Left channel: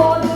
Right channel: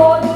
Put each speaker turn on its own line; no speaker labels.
amor.